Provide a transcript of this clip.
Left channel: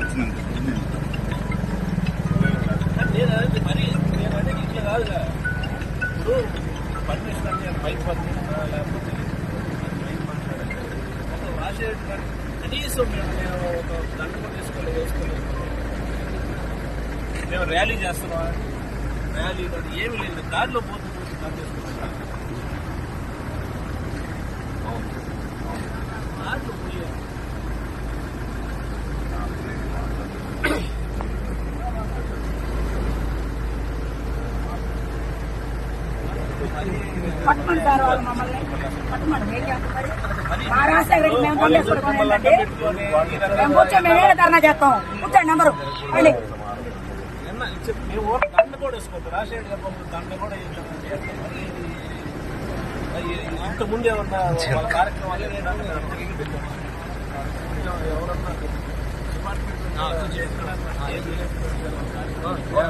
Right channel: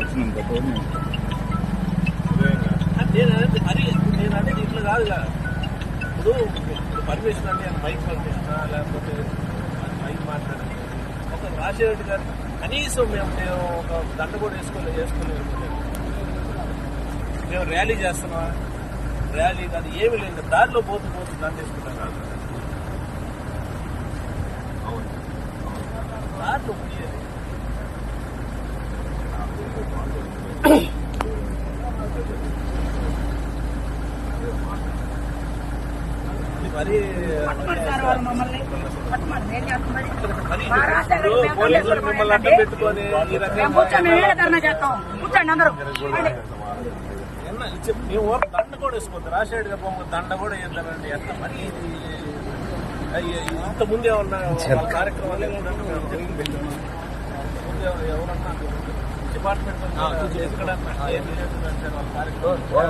వచ్చినంత నేను అనేది ఇట్లా కాదుగా. ఇప్పుడు పర్మిషన్ అంటే మైక్ పర్మిషనా లేకపోతే మైక్ మాట్లాడండి మొత్తం రాసేట్టు కానీ కనీసం నేను ఒక దండ కూడా వేసుకోలేదు. మేము ర్యాలీ చేస్తున్నాం, ర్యాలీ కానీ ఏమి లేదు, దారిలో పోతూ దండ వేసుకున్నాను. దారిలో పోయాను పోలీసులు మిమ్మల్ని అడ్డం పెట్టుకొని మేము దండ కూడా వేసుకోవద్దు, రాసేడుగా దండ కూడా వేద్దామండి. ఎట్లా మరి ఇంత ముందు ఏమన్నా కార్యక్రమాలు ముందు ఎవరన్నా డిపార్ట్మెంట్ ఎక్కడన్నా ఏది లేదు కార్యక్రమం.